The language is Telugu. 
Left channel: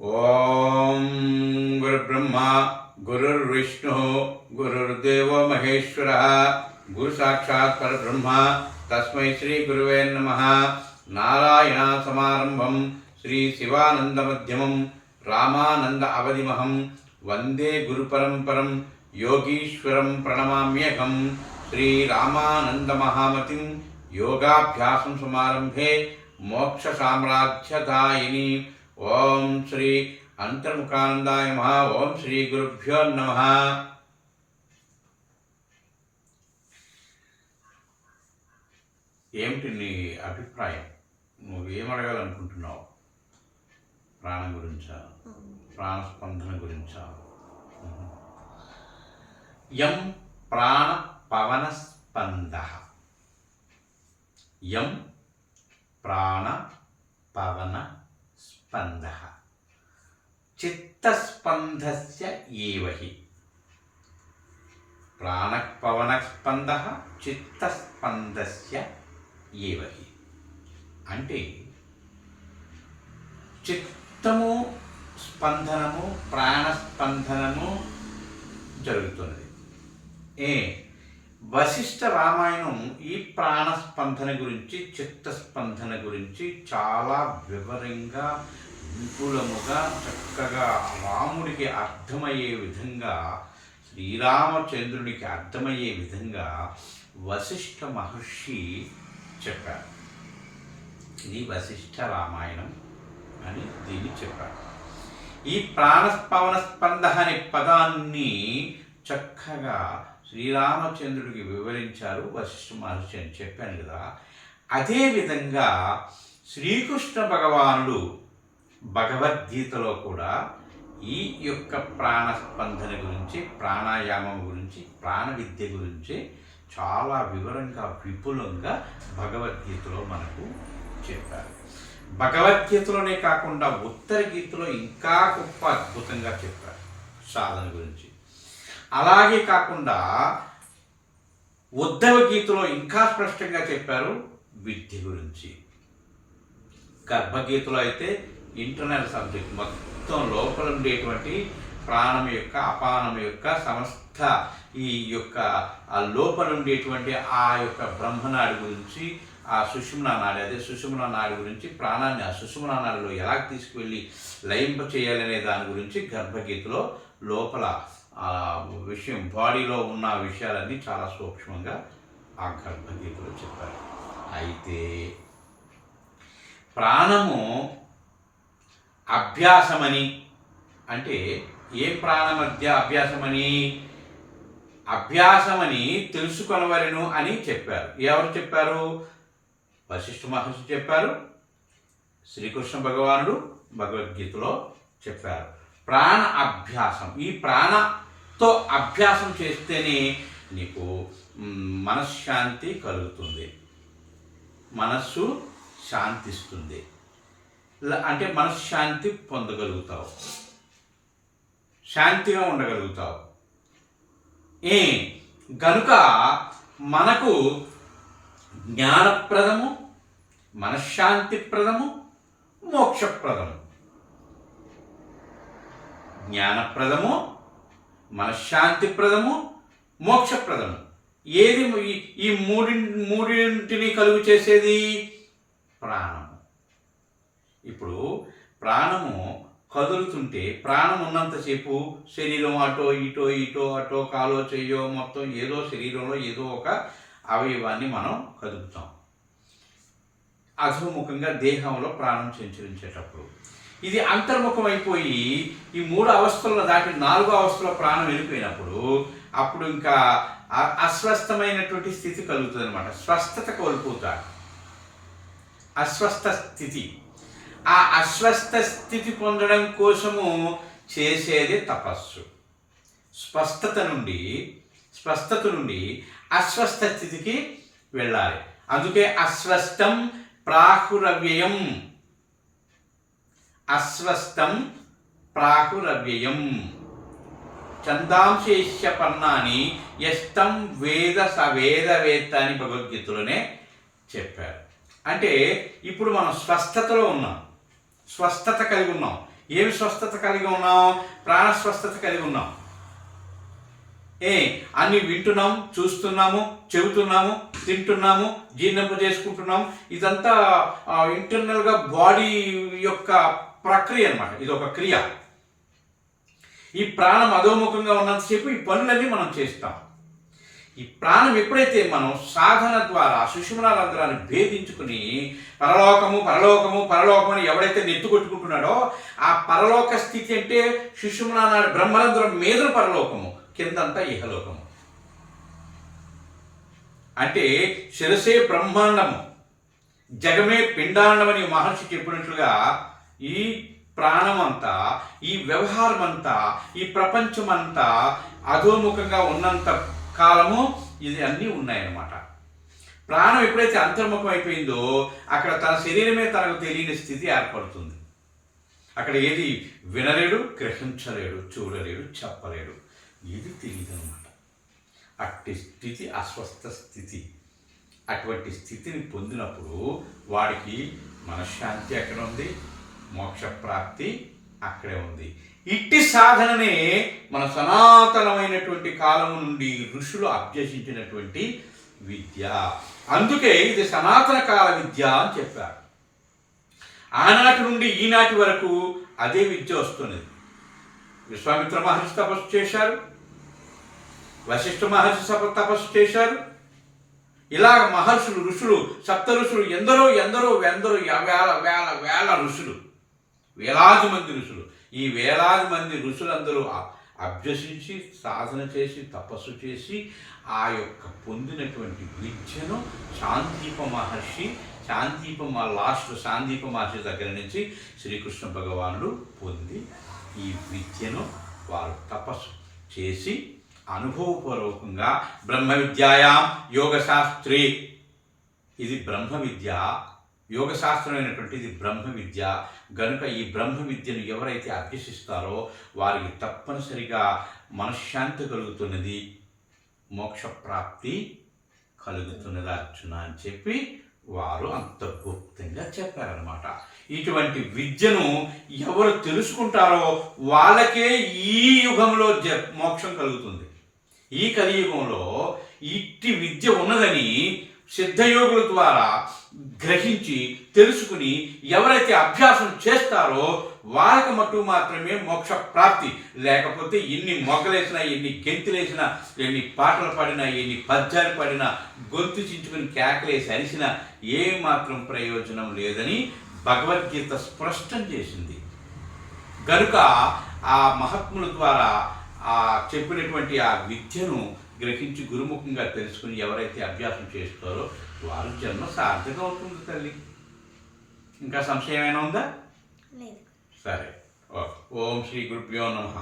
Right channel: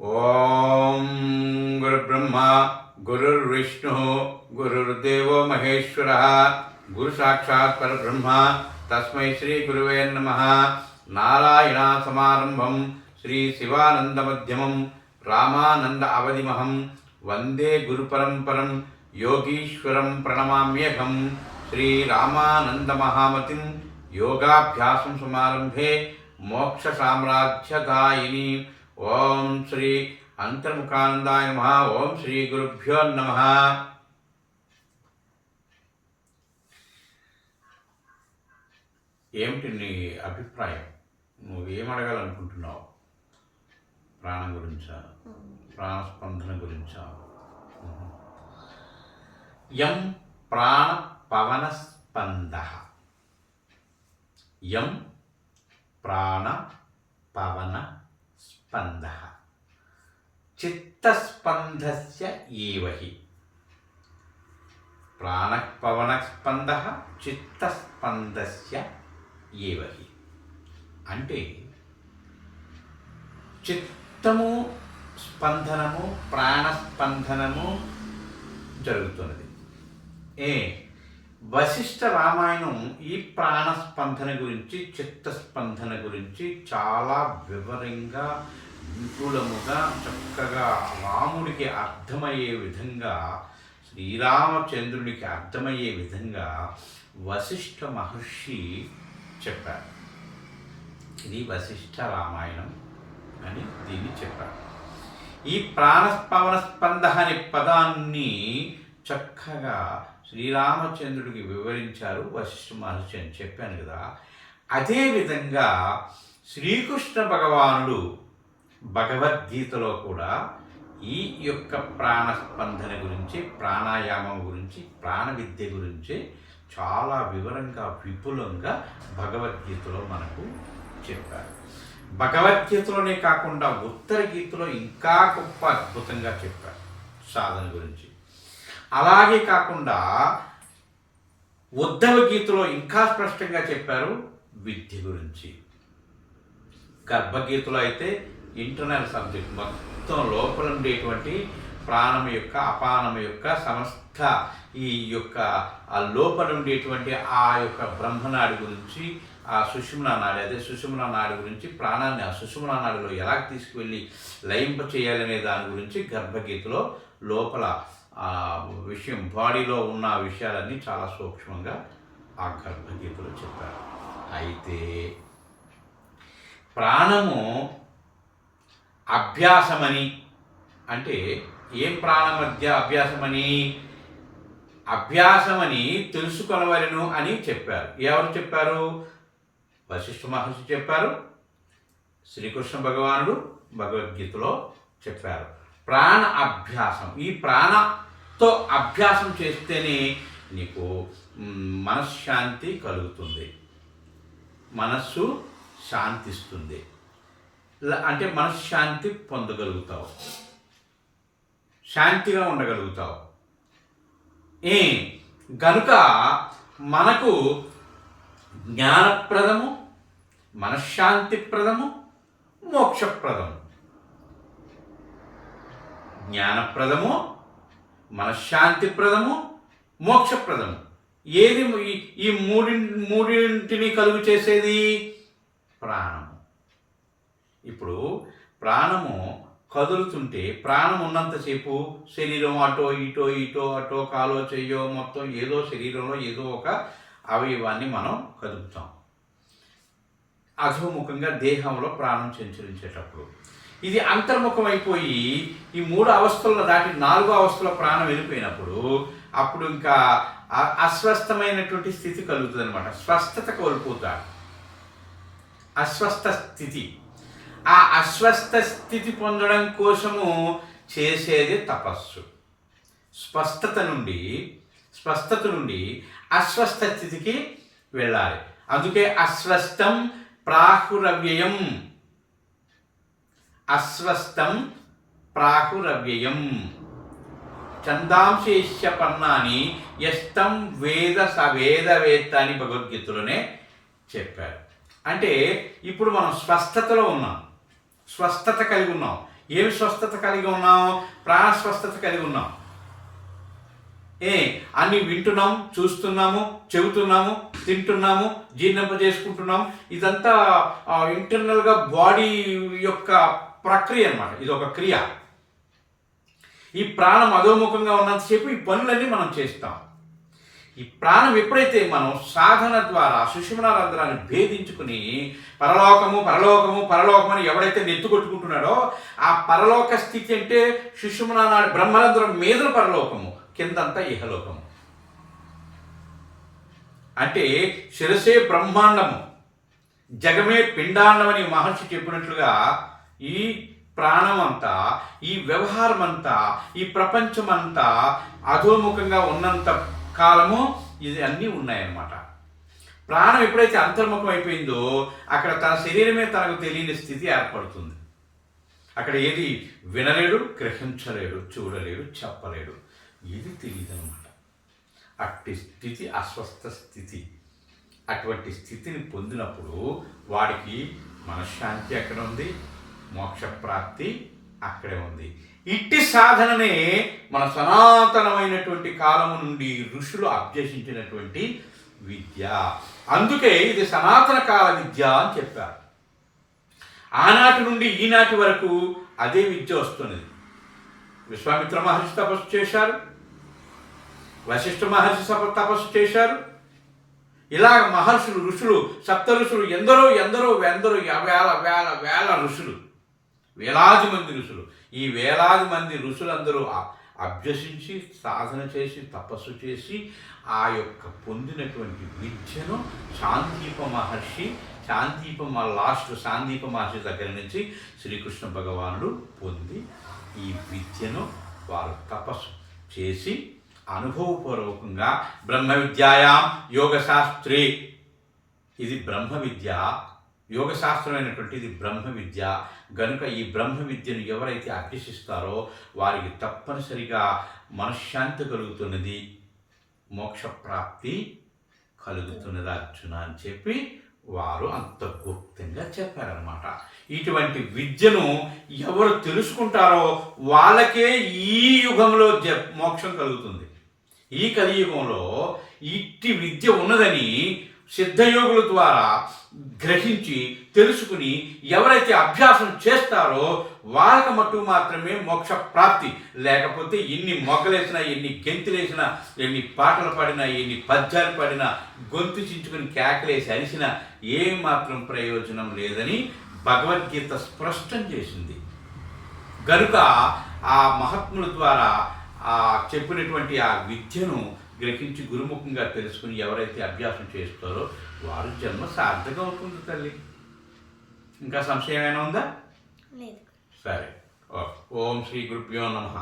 ఓం గురుబ్రహ్మ గురుర్విష్ణు గురుర్దేవో మహేశ్వర గురు సాక్షాత్ పరబ్రహ్మ తస్మై శ్రీ గురువే నమః. నారాయణ సమారంభం శ్రీ శివానంద మధ్యమం రామానంద అవధిమహం వందే గురు పరంపరం యోగీశ్వరం ప్రణమామ్యహం. శ్రీ రామానంద మహామతిం యోగాభ్యాసం సమారంభే మోక్ష సామ్రాజ్యదాయిని. ఓం శ్రీ అంతర్ముఖానందాయ నమః. ఓం శ్రీ గురుభ్యో నమః. ఏమిటి నీ అభిప్రాయం? నువ్వు ఏం అడగాలనుకుంటున్నావు? ప్రాణం గురించా, ప్రాణస్పందన గురించా? యం ప్రాణ పవన స్పంద, యం ప్రాణ పవన స్పంద చిత్తస్పందస్య ఏవహి. ప్రాణపవన స్పంద చిత్తస్పందస్య ఏవహి అంటే చిత్తము స్పందనము ప్రాణస్పందనము జరుగుతున్నది. వశిష్ఠ రామాయణం ఈ ప్రాణస్పందన గురించి చిత్తస్పందన గురించి చాలా వివరంగా విపులముగా చక్కగా రాముడికి అర్థమయ్యే విధంగా, శ్రీరామచంద్రుడికి అర్థమయ్యే విధంగా వశిష్ఠ మహర్షి చెప్పారు. ఇది వశిష్ఠ రామాయణం అని దీన్ని చెప్పారు. ఈ ప్రాణపవన స్పంద అనే పదాన్ని చక్కగా శ్రీరామచంద్రుడికి వివరించారు వశిష్ఠ మహర్షి అని చెప్పాను కదా. అదేవిధంగా శ్రీకృష్ణ భగవానుడు భగవద్గీతలో కూడా ఈ యొక్క ప్రాణస్పందన గురించి, ప్రాణాయామం గురించి, ప్రాణ విద్య గురించి చాలా వివరంగా విపులంగా భగవద్గీతలో మనకు చెప్పారు. భగవద్గీతలోనే కాకుండా ఉత్తర గీతలో ఇంకా గొప్ప అద్భుతంగా చెప్పారు సాధన గురించి. అలాగే కాకుండా ఉద్ధవ గీతలో ఇంకా స్పష్టంగా చెప్పారు విద్య గురించి. గర్భగీతలో అయితే ఇంటర్నల్ సబ్జెక్ట్ మొత్తం లోపల ఉండేటువంటి ప్రాణం యొక్క, అపానం యొక్క సమస్త ఈ యొక్క ఆ లోపల ఉండేటువంటి ఆ యొక్క బ్రహ్మనాడి గురించి, ఆ సుషుమ్నా నాడి, అదే సుషుమ్నా నాడి గురించి, ప్రాణాన్ని ఆ సుషుమ్నా నాడిలో ఎలా తీసుకువెళ్ళి లయింప చేయాలనే దాని గురించి గర్భగీతలో లోపల ఆ విషయం, బాడీలో ఉన్న విషయాలన్నీ చాలా సూక్ష్మంగా ఆ గర్భగీతలో చెప్పారు. అయితే ప్రాణము అభ్యాసమని అంటే ఏ ప్రాణ మధ్య అభ్యాసమని తెలుసుకొనవలెను అని చెప్పారు. ఎవరు చెప్పారు? వశిష్ఠ మహర్షి చెప్పారు, శ్రీకృష్ణ భగవానుడు భగవద్గీతలో చెప్పారు. ప్రాణ అభ్యాసం, ఈ ప్రాణతో అభ్యాసం చేస్తేనే నీకు మనశ్శాంతి కలుగుతుంది, మనస్సు శాంతిస్తుంది, అంటే మనశ్శాంతి పొందగలుగుతావు, శాంతిగా ఉండగలుగుతావు. గనుక మనకు జ్ఞానప్రదము, మనశ్శాంతిప్రదము, మోక్షప్రదము. జ్ఞానప్రదము, మనశ్శాంతిప్రదము, మోక్షప్రదము. ఏది ఈ మూడింటిని కలుగు చేసేది? ప్రాణము. ఇప్పుడు ప్రాణము కదులుతుంటే, ప్రాణం ఉన్నంతసేపు శరీరం అటో ఇటో కాలో చెయ్యో మొత్తం ఏదో శరీరంలో ఏదో ఒక అవయవాన్ని మనం కదుపుతాం. అధోముఖంగా దేహంలో ప్రాణం సంచరించేటప్పుడు ఇది అంతర్ముఖం అయిపోయి ఈ 3 అవస్థలను దాటి 4వ అవస్థలో ప్రాణం వెళ్ళిపోయినప్పుడు అప్పుడు ఇంకా అస్వస్థమైనటువంటి స్థితి కలుగుతుంది అనమాట. స్వస్థత కోల్పోతాడు, అస్వస్థ స్థితి. ఆ అస్వస్థ స్థితి పొందడం కోసము చేసేది తపస్సు. స్వస్థత నుండి అస్వస్థ స్థితికి వెళ్ళాలి. అందుకే అస్వస్థం ప్రాహురవ్యయం, అస్వస్థం ప్రాహురవ్యయం. ఛందాంశేష్య పర్ణాని యస్తం వేద సవేదవేత్త అని భగవద్గీతలోనే చెప్పారు. అంటే ఇప్పుడు మనం స్వస్థతలో ఉన్నాం, స్వస్థత కలిగి ఉన్నాం. ఏమి స్వస్థత కలిగి ఉన్నాం? ప్రాణ స్వస్థత కలిగి ఉన్నాం. అన్నీ వింటున్నాం, చూస్తున్నాము, చెబుతున్నాము, తింటున్నాము, జీర్ణింపజేసుకుంటున్నాం. ఇదంతా ఇంటర్నల్గా బాడీ యొక్క ప్రక్రియ అన్నమాట. ఇది ఒక క్రియ. ఈ ప్రాణం అధోముఖంగా ఉన్నంతసేపు ఈ పనులన్నీ మనం చేస్తాం. ఈ ప్రాణం ఎప్పుడైతే మనం సాధన ద్వారా సుషుమ్నా రంధ్రాన్ని భేదించుకుని పరలోకము పరలోకము పరలోకమని ఎవడైతే నెత్తుకొట్టుకుంటున్నాడో ఆ పరలోక స్థితి అంటే సుషుమ్నా నాడి బ్రహ్మరంధ్రం మీద పరలోకము, కిందంతా ఇహలోకము. అంటే శిరసే బ్రహ్మాండము, జగమే పిండాండమని మహర్షి చెప్పినట్లుగా ఈ ప్రాణమంతా, ఈ వ్యవహారం అంతా, ఈ ప్రపంచమంతా అధోముఖంగా ఉన్నంత కాలము ఇది అన్నీ ఉన్నాయన్నమాట. ప్రాణం ఎప్పుడైతే అంతర్ముఖం అయిపోయిందో అక్కడ తన శరీరమే తనకు తెలియని స్థితి ఏర్పడుతుంది. అక్కడ ఏది వినలేడు, గ్రహించలేడు, చూడలేడు, చెప్పలేడు, ఏది తెలియదు అనమాట. అట్టి స్థితి అస్వస్థ స్థితి. అటువంటి స్థితిని పొందినప్పుడు వాడికి మనశ్శాంతి ఎక్కడ ఉంది, మోక్షప్రాప్తి అక్కడే ఉంది. ఇట్టి సాధననే మన సనాతనమైనటువంటి కాలము నుండి ఋషులు అభ్యసించినటువంటి విద్య. అందుకే ఇది సనాతన కాల విద్య అని చెప్పారు. ఆనాటి నుండి ఈనాటి వరకు అదే విద్య వస్తున్నది. విశ్వామిత్ర మహర్షి తపస్సు చేశారు, వశిష్ఠ మహర్షి తపస్సు చేశారు. ఇలా మహర్షులు, ఋషులు, సప్త ఋషులు, ఎందరో ఎందరో ఎందరో వేల వేల వేల ఋషులు, వేలాది మంది ఋషులు. ఈ వేలాది మంది ఋషులందరూ అభ్యసించి సాధన చేసి తపస్సు చేసి ఆ యొక్క పొందినటువంటి విద్యను శాంతిప మహర్షి, శాంతిప మహర్షి దగ్గర నుంచి శ్రీకృష్ణ భగవానుడు పొంది ఈ విద్యను వారు తపస్సు చేసి అనుభవపూర్వకంగా బ్రహ్మ విద్యాయాం యోగశాస్త్రే, ఇది బ్రహ్మ విద్య, యోగశాస్త్రమైనటువంటి ఇది బ్రహ్మ విద్య. గనుక ఈ బ్రహ్మ విద్యను ఎవరైతే అభ్యసిస్తారో వారికి తప్పనిసరిగా మనశ్శాంతి కలుగుతున్నది, మోక్షప్రాప్తి కలుగుతున్నది అర్జున అని చెప్పి వారు అంత గుప్తంగా చెప్పారనమాట. ఇటువంటి విద్యను ఎవరు తెలుసుకుంటారో వాళ్ళకే ఈ యుగంలో మోక్షం కలుగుతుంది. ఈ కలియుగంలో ఇట్టి విద్య ఉన్నదని సిద్ధయోగుల ద్వారా గ్రహించి తెలుసుకుని ఎవరైతే అభ్యాసం చేస్తారో వాళ్ళకి మట్టు మాత్రమే మోక్ష ప్రాప్తి. లేకపోతే ఎన్ని మొగ్గలేసినా, ఎన్ని గెంతులేసినా, ఎన్ని పాటలు పాడినా, ఎన్ని పద్యాలు పాడినా, గొంతు చించుకుని కేకలేసి అరిసినా ఏమాత్రం ప్రయోజనం లేదని భగవద్గీత స్పష్టం చేసింది. గనుక ఆ మహాత్ముల ద్వారా ఆ చెప్పినటువంటి ఆ విద్యను గ్రహించి గురుముఖంగా తెలుసుకుని ఎవరైతే అభ్యాసం చేస్తారో వారి జన్మ సార్థకం అవుతుంది తల్లి. ఇంకా సంశయం ఏమైనా ఉందా? సరే. ఓం శ్రీ గురుభ్యో నమః.